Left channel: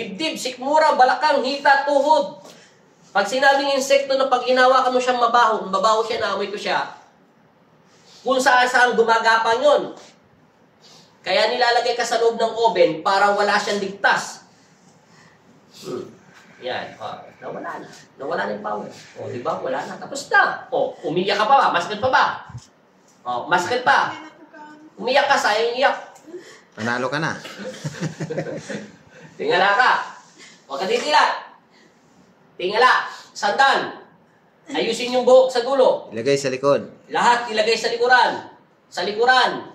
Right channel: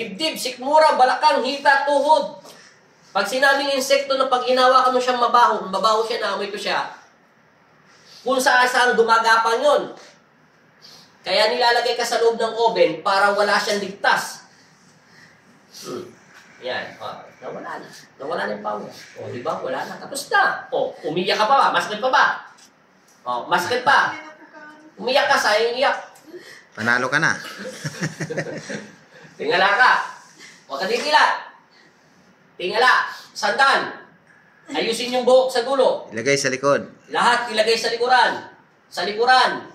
Dibdib, sikmura, balakang, hita, tuhod. Pag sinabing insekto na pag hinawakan mo siyang mabaho, mabaho siya, naamoy ko siya, kung saan gumagapang yun. Kaya nilalagay ka sa loob ng oven para wala siyang ligtas. Yan. Nawala na. Nawala na yung power. O, di ba? Wala na. Tapos na. O, umiyak ka pa ba? Masakit pa ba? O, masakit pa. Umiyak ka, sayang iyak. Panalo ka na. Tingala ka. Huwag ka titilat. Tingala. Sandan. Ayusin yung buhok sa dulo. Ilagay sa likod. Lahat ilagay sa likuran. Sa likuran.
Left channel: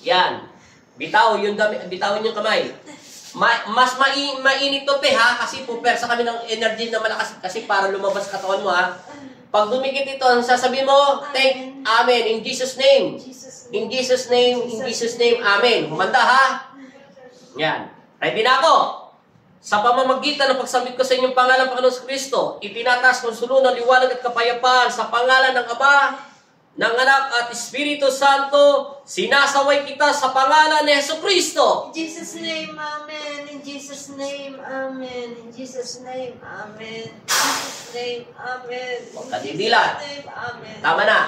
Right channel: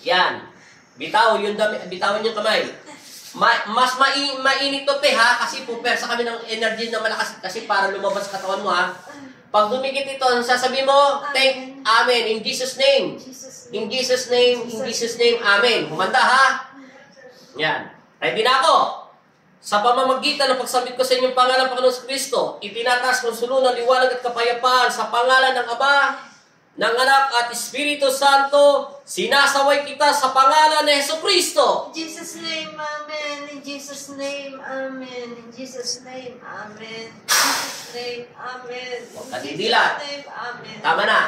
Yan. Bitaw bitawin yung kamay. Mas mainit to pe ha, kasi pupersa kami ng energy na malakas kasi para lumabas sa katawan mo ha. Pag dumikit ito, sasabihin mo, thank, amen, in Jesus' name. In Jesus' name, in Jesus' name, amen. Humanda ha. Yan. Ready na ako. Sa pamamagitan ng pagsambit ko sa inyong pangalan, Panginoon Kristo, itinataas kong sulunan, liwanag at kapayapaan sa pangalan ng Ama, ng Anak at Espiritu Santo, sinasaway kita sa pangalan ni Jesucristo. In Jesus' name, amen. In Jesus' name, amen. In Jesus' name, amen. In Jesus' name, amen. Huwag ka didilat. Amen. Tama na.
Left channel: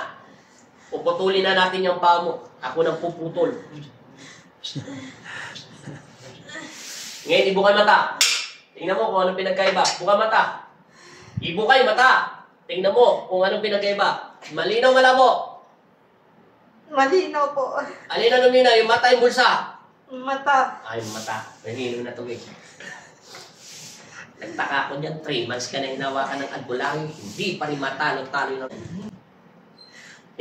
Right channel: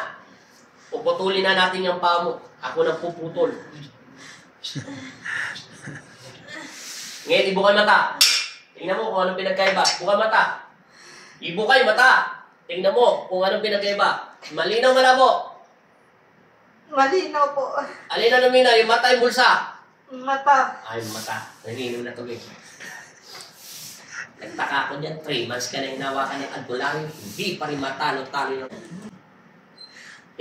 Puputulin na natin yung paa mo. Ako nang puputol. Ngayon, ibukay mata. Tingnan mo kung anong pinagkaiba. Bukay mata. Ibukay mata. Tingnan mo kung anong pinagkaiba. Malinaw, malabo. Malinaw po. Alin na lumina? Yung mata, yung bulsa. Mata. Ay, mata. Nanino na tubig. Nagtaka ko dyan. 3 months ka na hinawakan ng albularyo. Hindi pa rin matalo-talo yun.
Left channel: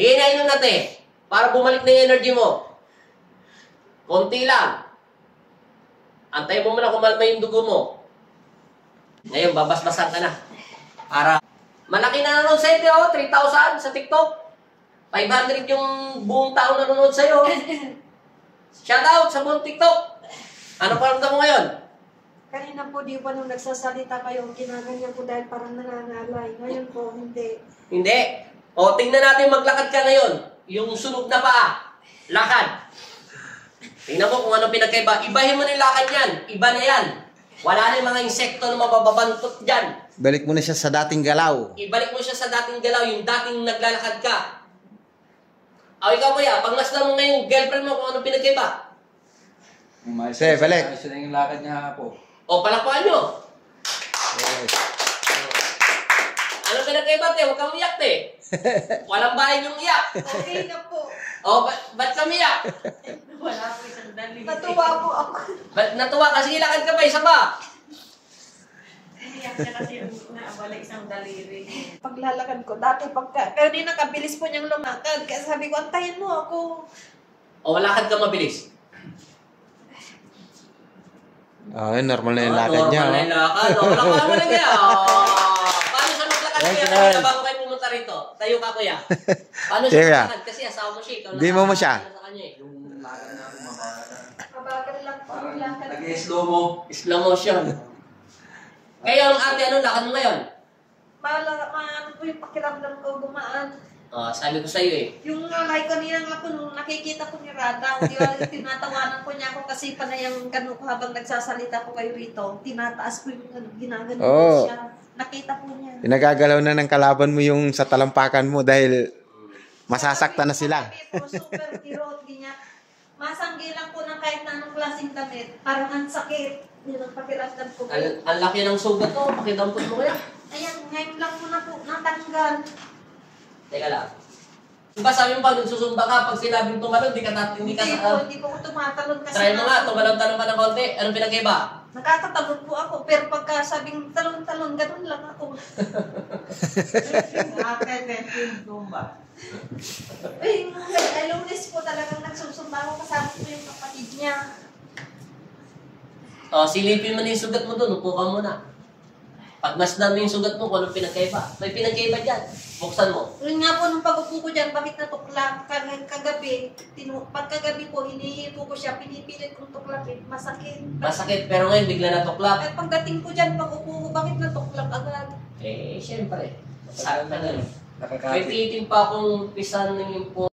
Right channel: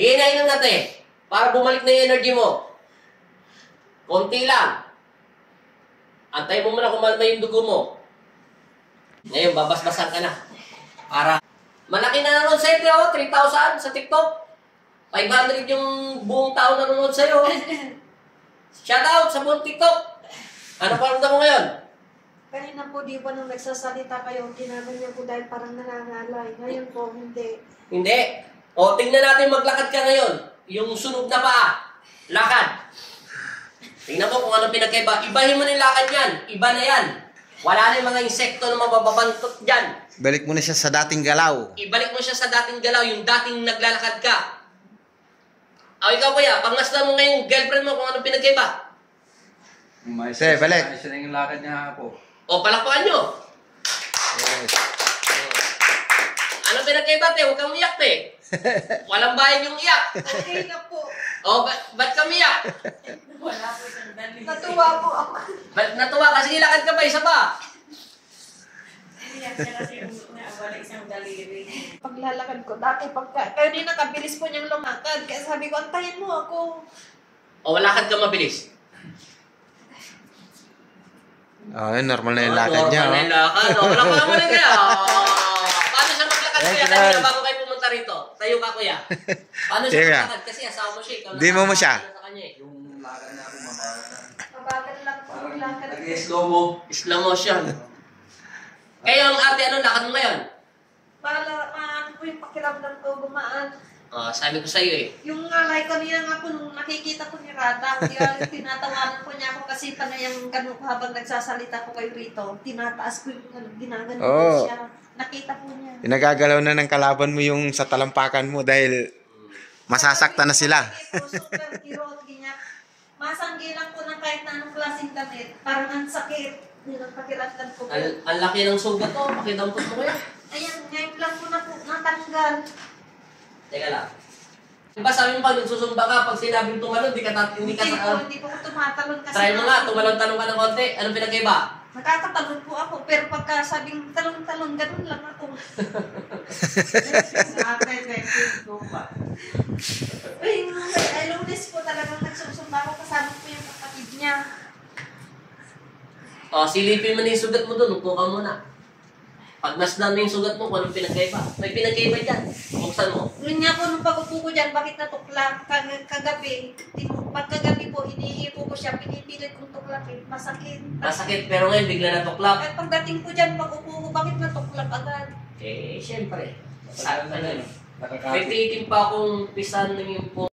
Hihinayin lang natin. Para bumalik na yung energy mo. Konti lang. Antay mo muna kung malma yung dugo mo. Ngayon, babasbasan ka na. Para malaki na nanonood sa'yo, 3,000 sa TikTok. 500 yung buong tao nanonood sa'yo. Shoutout sa buong TikTok. Ano paramdam mo ngayon? Kanina po, di ba nung nagsasalita kayo, ginaganyan po dahil parang nangangalay. Ngayon po, hindi. Hindi. O, tingnan natin maglakad ka ngayon. Yung sunog na paa. Lakad. Tingnan mo kung ano pinagkaiba. Ibahin mo na yung lakad yan. Iba na yan. Wala na yung mga insekto na mababantot dyan. Balik mo na siya sa dating galaw. Ibalik mo siya sa dating galaw, yung dating naglalakad ka. O, ikaw kuya, pag nasla mo ngayon girlfriend mo kung ano pinagkaiba. Sige, balik. Ayos na yung lakad niya po. O, palakpakan nyo. Yes. Ano pinagkaiba, te? Huwag kang umiyak, te. Walang bayan yung iyak. Okay na po. O, ba't ka umiyak? Wala po isang dali. Natuwa po ako. Ba't natuwa? Kasi ilakad ka pa, isa pa. Iyak siya kasi wala isang daliri. Paglalakad ko, dati pagka, kayo din nakabilis po niyang lumakad. Kaya sabi ko, antayin mo ako. O, lakad ka mabilis. Normal na yung lakad niya. Normal na yung lakad. O, palakpakan mo na kaya. Paano siya maglakad, kuya? Kanina bago kayo pumunta rito. Tayo ka, kuya. Paano siya Sige. maglakad? Kasi asawa mo siya. Ikaw Di mo mo siya. sa kanya, eh. Yung lakad niya po mabagal. Mabagal lang po yung lakad. Nag-slow mo. Slow motion. Kaya ang ate, anong lakad mo ngayon? Maano po yung pakiramdam ko gumaan. Sabi ko sa'yo eh. Yung alay kanina nga po, nung nakikita ko ni Rada, tinatawanan ko niya ako kasi panay yung ganun ko habang nagsasalita ko kayo rito. Tinataas ko yung ginagano ko siya. Nakita ko niya. Pinagagalaw na ng kalaban mo yung sa talampakan mo dahil masasaktan na sila. Super kirot, ganyan. Masanggi lang po ng kahit na anong klaseng damit. Parang ang sakit. Yun ang pakiramdam ko. Ang laki ng sugat ko. Pakidampot mo kaya. Ayan, ngayon lang po na po natanggal. Teka lang. Diba sabi mo pa, nagsusumba ka, pag sinabing tumalon, hindi ka Hindi po ako tumatalon kasi. try mo nga, tumalon-talon ka ng konti. Anong pinagkaiba? Nakakatalon po ako, pero pagka sabing talon-talon, ganun lang ako. Ay, Lunes po talagang nagsusumba ako, kasama po yung kapatid niya. Silipin mo na yung sugat mo doon, upo ka muna. Pag nasdam na yung sugat mo, kung anong pinagkaiba. May pinagkaiba dyan. Buksan mo. Yun nga po, nung pag-upo ko dyan, bakit natukla? Kagabi, pagkagabi po, iniipo ko siya, pinipilit kong tuklapin, masakit. Masakit, pero ngayon bigla natuklap. At pagdating ko dyan, pag-upo ko, bakit natuklap agad? Eh, syempre. Saan ka na yun? May Nakakapit. tikim pa akong pisan ng yung